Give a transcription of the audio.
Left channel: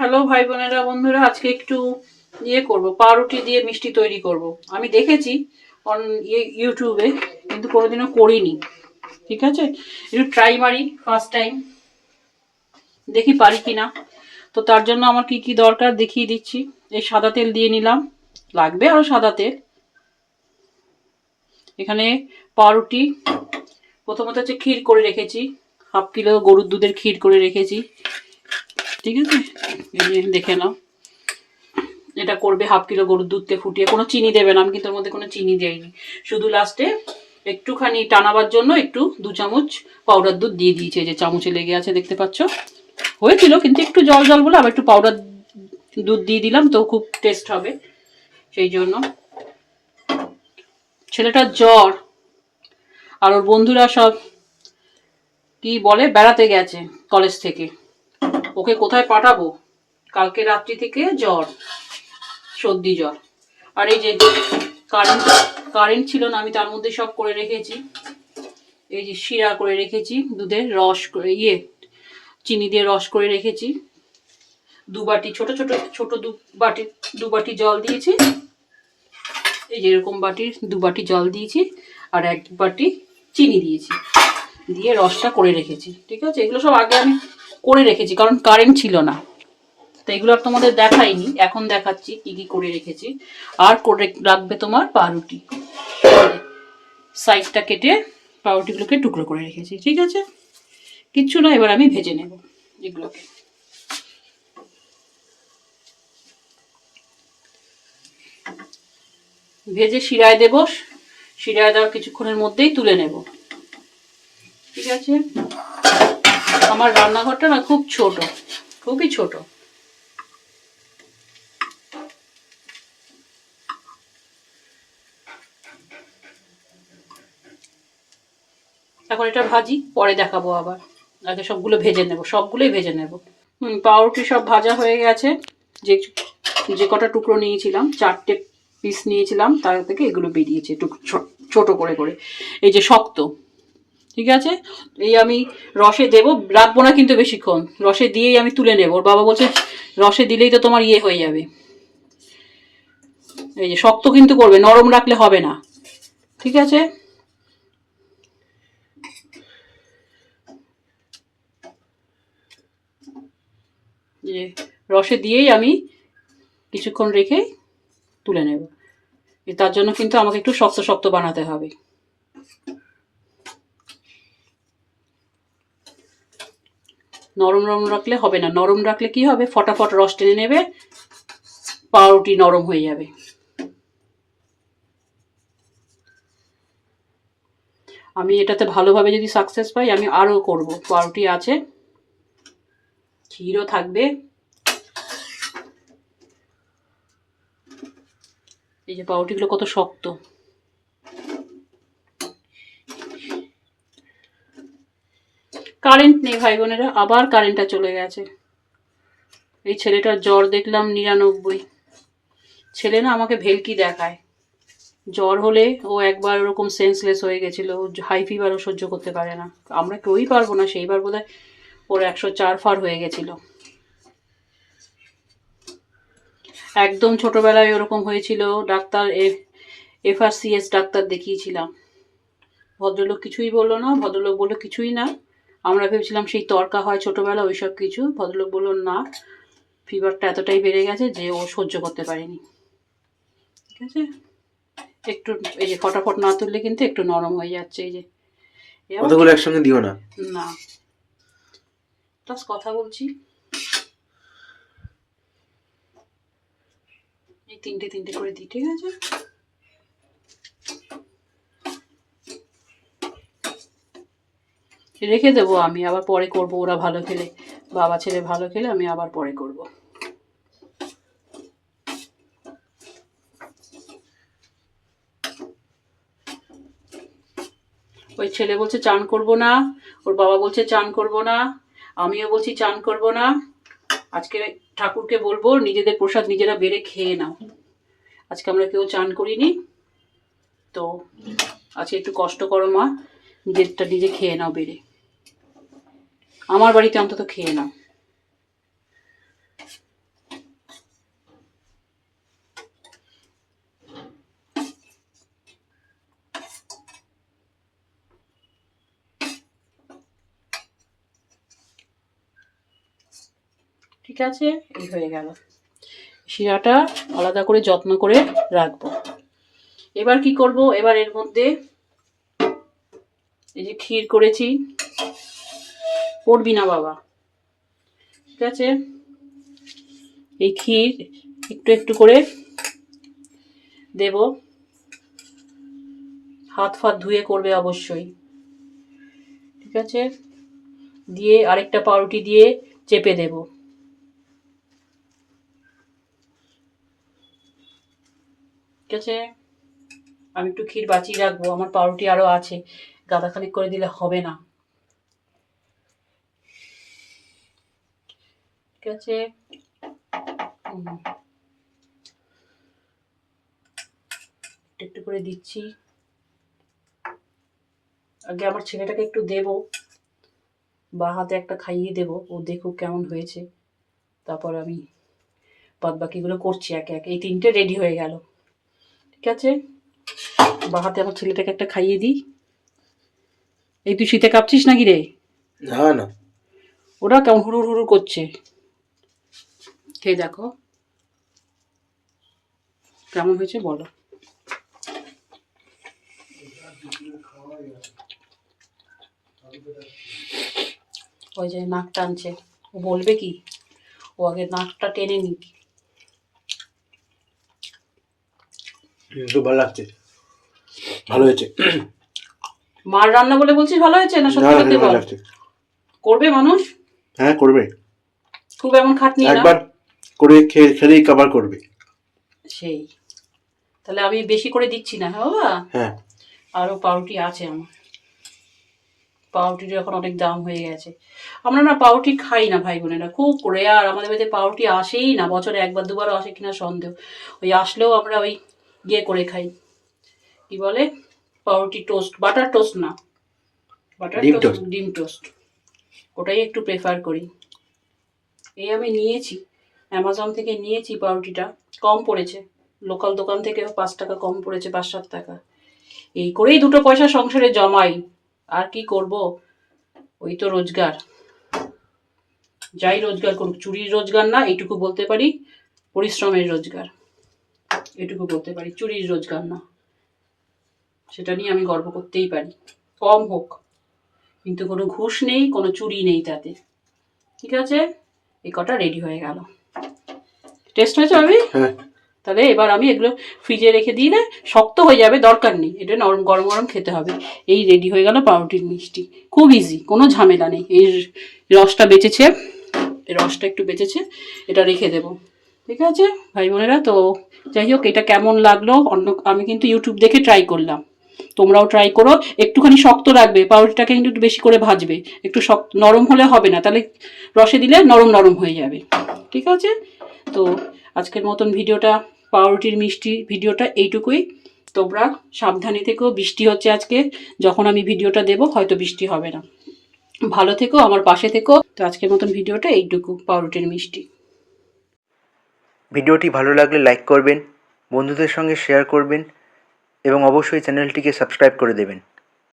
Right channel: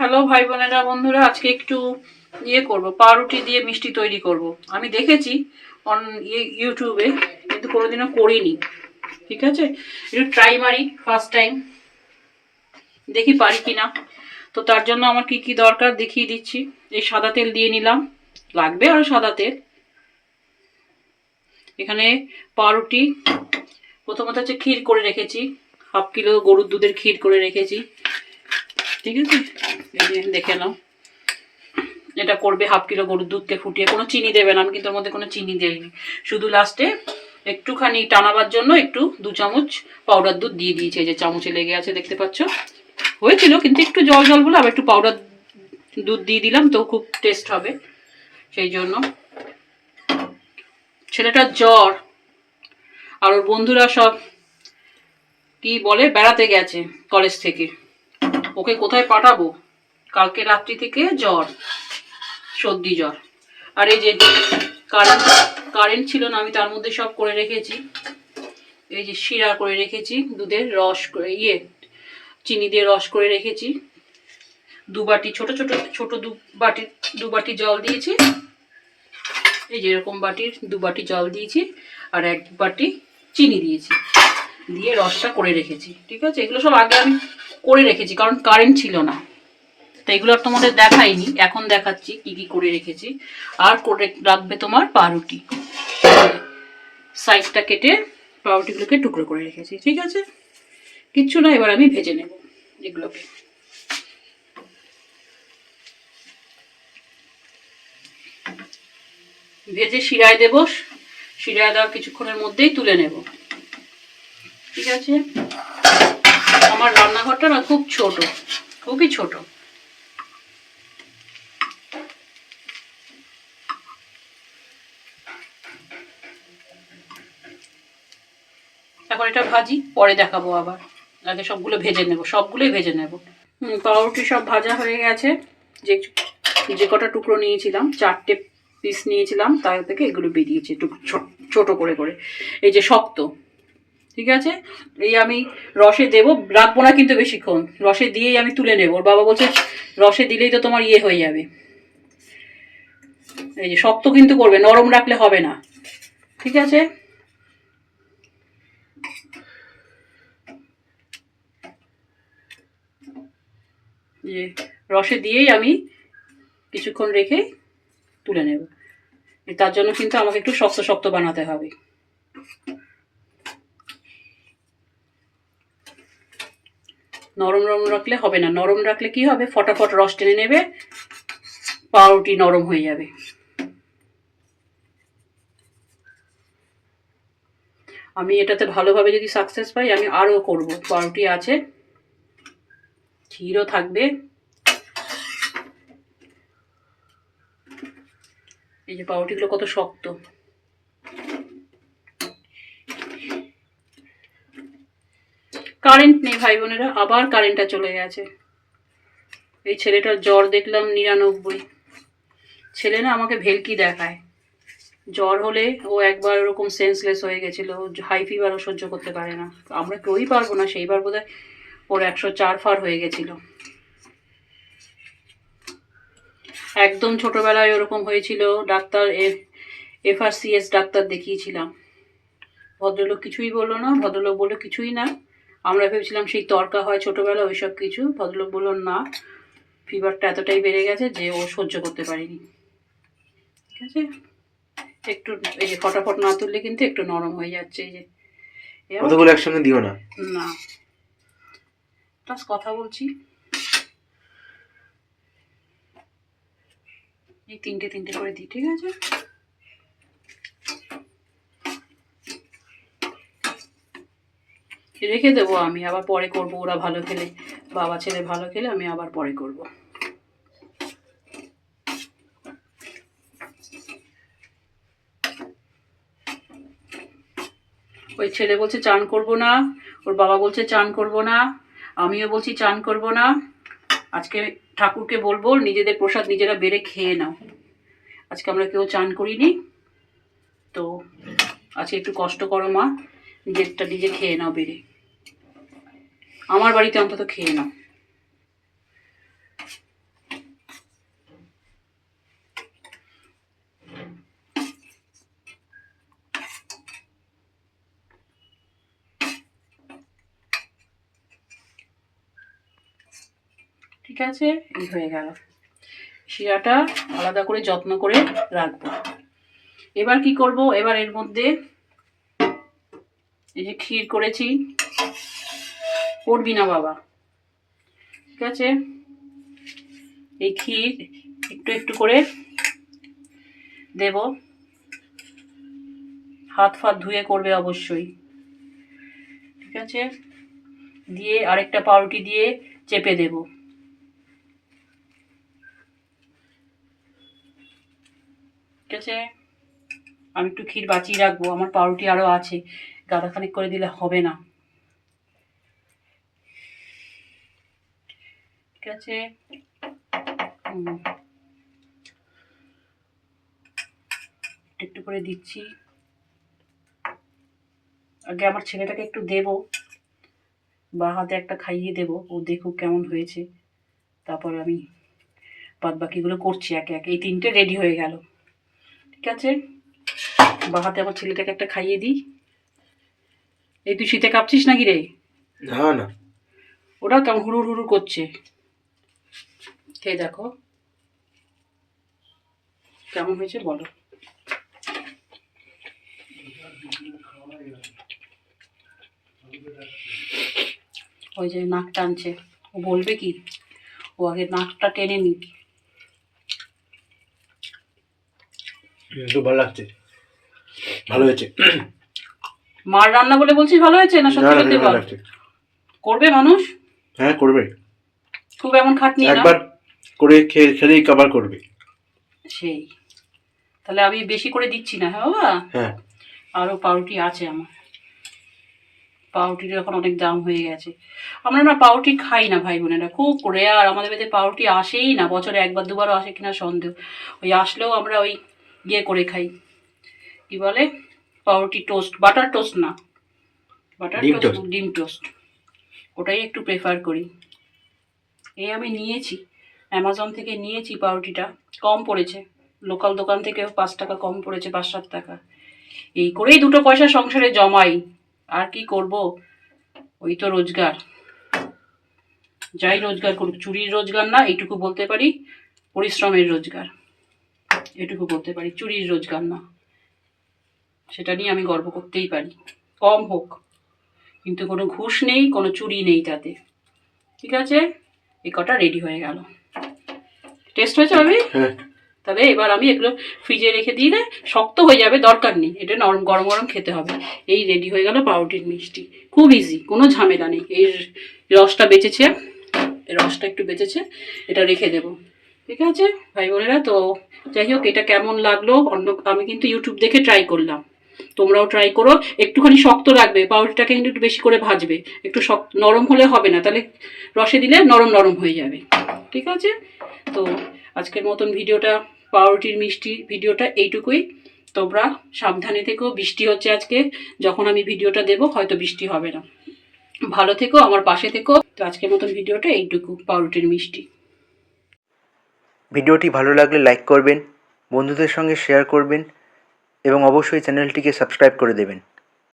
Hello ভাই বোনেরা, বন্ধুরা, আজকে একটু ইয়ে করব, পাউরুটি দিয়ে মিষ্টি তৈরি করব। আমি দেখেছি অন ইউটিউবে কিন্তু কোনোদিনও করিনি, ঠিক আছে? একটু ট্রাই মারি ফার্স্ট টাইম দেখি পারি কি না তো তার জন্য আমার কি কি দরকার দেখিয়ে দিচ্ছি। এই সাদা তেল দিয়ে নিলাম। লাগবে আরও সাদা তেল। এখানে পাউরুটি, প্রথমত হচ্ছে ক্ষীর করে রেখেছি। হাফ কিলো গরুর দুধের ক্ষীর করে রেখেছি। ঠিক আছে? দেখে নাও। এটা করবে হাফ কিলো গরুর দুধকে ফুটিয়ে। কোনো চিনি দেবে না, আমি কিন্তু ওর মধ্যে কোনো চিনি দেয়নি শুধু লাস্টে একটুখানি টানাবার জন্য একটু দু চামচ পাউডার দুধ দিয়ে দিয়েছে। যে চামচে লেগে আছে, দেখতে পাচ্ছ? হয়েছিল, কিন্তু একটু জল জল বলে আবার একটু পাউডার দুধ দিয়ে দিলাম, তো খুব টেস্ট হবে। সেই জন্য। ছেলেটার জ্বর, আর ওর বন্ধুরা সব কি বলে, বেড়াতে গেছে কলেজ থেকে। ওকে কোথায় পাঠাবো? কালকে রাত্রি থেকে জ্বর, সর্দি জ্বর। আর এই যে কারেন্ট কারেন্ট ছিল না, আমি তার মধ্যে সব করে রেখেছি। এই যে শিরা করে রেখেছি, দুধের রস করে ইয়ে চিনি দিয়ে রস করে রেখেছি। দু বাটি, ছোট ছোট ছোট দু বাটি দু বাটি জল দিয়েছি। এই যে এরকম বাটির দু বাটি জল দিয়েছি আর এক বাটি চিনি দিয়েছি। দিয়ে রসটা করে রেখেছি। ঠিক আছে? এগুলো সব আগে আমি করে রেখেছি, কারণ কারেন্ট ছিল না। তো এগুলো আর তোমাদের দেখাইনি, এখন দেখাচ্ছি কি কি করে রেখেছি। আর করে রাখবে তোমার পাউরুটি। সাইজটা কেটে পাউরুটিগুলোকে টুকরো করে রেখেছি, ঠিক আছে? কিচ্ছু না, এবার আমি ভেজে নেব এগুলোকে। ভেজে শিরায় দেবো, শিরায় দেওয়ার কিছুক্ষণের মধ্যেই তুলে নেব। ঠিক আছে? আমার রান্নাঘরটা না খুব ছোট, খুবই ছোট। এখন এটা ভাজি, পরে দেখাবো আবার। আগে সবগুলো ভেজে নেব, সবগুলোই ভেজে নেব। পাউরুটি সব ভাজা হয়ে গেছে। যে যে কটা টুকরো নিয়েছিলাম, চারটে পিস নিয়েছিলাম, তার থেকে এগুলো বেরিয়েছে ছোট করে করে। এই যে শক্ত ঠিক আছে? এই আমি রসে দেবো, রাখব না কিন্তু বেশিক্ষণ। রসে দিয়েই আমি তুলে নেব। ওর বাবা বলছে, রসে দিলেই তো তোমার ইয়ে হয়ে যাবে। এই যে শক্ত কিন্তু করবে, নরম রাখলে হবে না। ঠিক আছে? যে রসে দিয়েই আমি কিছুক্ষণ রেখে তুলে নেব। তার জন্য কিন্তু আমাকে একটু শক্ত শক্ত বানাতে হবে। নরম নরম রাখলে হবে না। নরম রাখলে কি হবে? ফটাফট রস টেনে নেবে, পাউরুটি নরম হয়ে যাবে। আমি এটাতে ভালোভাবে যদি সাকসেস পাই, আমি আরও করব। পাউরুটি আছে, ক্ষীরও থাকবে। এই যে পাউরুটিগুলো কত শক্ত। কারেন্ট নেই ভাই বোনেরা আবার কারেন্টটা চলে গেছে। এই ছেলেটার জ্বর দেখলাম নিরানব্বই। ছেলে না আমাকে ভেলকি দেখায়। জ্বর হলে ও একবার ওরকম সেন্সলেস হয়ে গেছিল হাই ফিভারও সহ্য করতে পারে না। আমরা কেউই পারব না, সেইবার বোধ হয় ওর একশো চার ফার হয়ে গেছিল। একদম ছোটবেলায় ওরকম হয়েছিল, ডাক্তার এফআরসিএস ডাক্তার দেখিয়েছিলাম। ভদ্রলোক কিছুই বলল না, ভদ্রলোক বলল কিছুই না। আমরা ভেবেছিলাম সেই তর্কা হয় ছোটবেলা ওইসব কিছু। ভদ্রলোক বলল না ফিভারটা এতটাই বেড়ে গেছে যে ও সহ্য করতে পারেনি। ঠিক আছে? একটু এই যে ফটাফট না তুললে কিন্তু একটু নরম হয়ে যাচ্ছে এই যে। কতগুলো একসঙ্গে দিও না। না। প্লাস কথা বলছি। এই তিনটে তিনটে করে দিই ঠিক আছে? রেখে দেবো আমি, আবার পরে করব, ওরা ভালো খেলে, বাবা ছেলে ভালো খেলে আমি আবার পরে করব। ওই ছেলে বলছে, চান করব না। ওর বাবা বলছে, চান করব না। আমিও বলছি, চান করব না। আজকে ঠাকুরকে বলব, নিজেদের প্রসাদ নিজেরা বেড়ে খেয়ে নাও। আজকে আমরা কেউ চান করিনি, তো আজকে একটু কষ্ট করো মা। নিজেরটা নিজে খেয়ে নাও বেড়ে। আমার বাড়িতে অন্তত খেয়ে নাও। ঠিক আছে, এই হয়ে গেল। শিরাটা আলাদা করে যত্ন করে রাখব। এবার কি করব? এবার এর মধ্যে এই যে ক্ষীর করেছি। পড়বি না বাবা। ঠিক আছে? এই ক্ষীর একটু একটু করে দেব। হাত ফাত ধুয়ে করবে অবশ্যই। ঠিক আছে? দিয়ে আরেকটা পাউরুটি দিয়ে চেপে দেব। ঠিক আছে? আমি একটু ক্ষীর বাঁচিয়ে রাখব, আমার পাউরুটি আরও আছে। গাদাখানিক করে দিলে হবে না। ঠিক আছে? একটু একটু করে দিচ্ছি। আগে আমার ছেলেটাকে একটু দেবো। বা হাতে একটা খাইয়ে দেবো, ও দেখুক কেমন হয়েছে। তারপর আমি বাদ বাকিগুলো করছি একে একে। এই তিনটে রেডি হয়ে গেল। ঠিক আছে? বা হাতে আমার ছেলেটাকে একটা খাইয়ে দিই। এই তুই শীতে কাঁপছিস নাকি রে? না না। ওরা কেমন হুড়ুর হুড়ুর করছে। খেয়ে দেখো। কেমন হয়েছে বলো। ওই যে নাক টানছে ও বলবে কি? ও আগে নাকটা টেনে নি কিন্তু ভালো লাগছে। ভালো হয়েছে। মার রান্না বলে বলছিস ভালো হয়েছে না সত্যি সত্যি বল? করবে মানুষ হ্যাঁ করবে। খুব এমন খাটনি না? একবার করে খেয়ে খেলেই কভার করবে। সেই। তাহলে আমি বেশি করে দিচ্ছি না হ্যাঁ বাবা? হ্যাঁ। আরও পাউরুটি আছে আমার। পাউরুটির এখন অনেক দাম হয়ে গেছে। আমরা না পাউরুটি খাই না ভাই বোনেরা। খুব করে আর আমাদের বাড়িতে পাউরুটি আসেই না। বছরে একবার দুবারও আসে কিনা সন্দেহ। ওই আসলেও আমরা ওই ইয়ে করে খাই। কি বলে? পাউরুটি টোস্ট বাটার টোস্ট না। বাটার টোস্ট ডিম টোস্ট। ওটাই একটু প্রেফার করি। এই আমি নিয়েছি অ্যামাজন থেকে নিয়েছি পাউরুটিটা। কম পড়েছে। লোকাল দোকান থেকে পাঁচ টাকা কম পড়েছে পাঁচ সাত টাকা। এই করেই দুটো পয়সা সংসারে জমাই। আর কি করব? ওই তো রোজগার। যাই রোজগার করুক চুরির রোজগার না এইটুকু বলতে পারি পরিশ্রমের রোজগার। এটুকু বলতে পারি চুরির রোজগার না। সেটা নিয়ে আমি গর্ব করতেই পারি। কম হোক। কিন্তু কোনো ঘুষ নেই কোনো চুরি নেই তাতে। ঠিক আছে? এই কটা রেডি হয়ে গেল। টেস্ট হয়েছে আমি হ্যাঁ। তাহলে এবার আমি এগুলো ফ্রিজে রেখে দিলে শক্ত হয়ে যাবে দরকার নেই। এটা নরম গরম গরম খেতে হবে। এই রেডি হয়ে গেল পাউরুটির মিষ্টি। খুব ইজি কোনো ঝামেলা নেই। এই রসটা বেঁচেছে। রসটা একটু বেঁচেছে এটা রেখে দেব। ঠিক আছে? ভাই বোনেরা তো যাই হোক এটা কেমন লাগল? অন্য আমি কিন্তু ইউটিউব দেখে ট্রাই করলাম। তোমরাও ট্রাই করো। একটুখানি শক্ত রাখবে, পাউরুটিটাকে কিন্তু একটু বেশি করে ভাজবে। একটু শক্ত, নরম হলে হবে না, তাহলে রসে দিলে নরম নরম হয়ে যাবে। ঠিক আছে? তো আজকের মতন ভিডিওটা, পাউরুটির মিষ্টি ভিডিওটা এইটুকুই। তোমরা সাবধানে থেকেও বৃষ্টি হচ্ছে আজকে, যখন আমি ভিডিওটা দেব, হয়তো বৃষ্টি হবে না। ভালো থেকো, আমার পাশে থেকো। তো আজকের মতন ভিডিওটা এইটুকু, পাউরুটির মিষ্টি। ভিডিওটি ভালো লাগলে লাইক করবেন, বন্ধুদের সঙ্গে শেয়ার করবেন এবং অবশ্যই চ্যানেলটিকে সাবস্ক্রাইব করে দেবেন।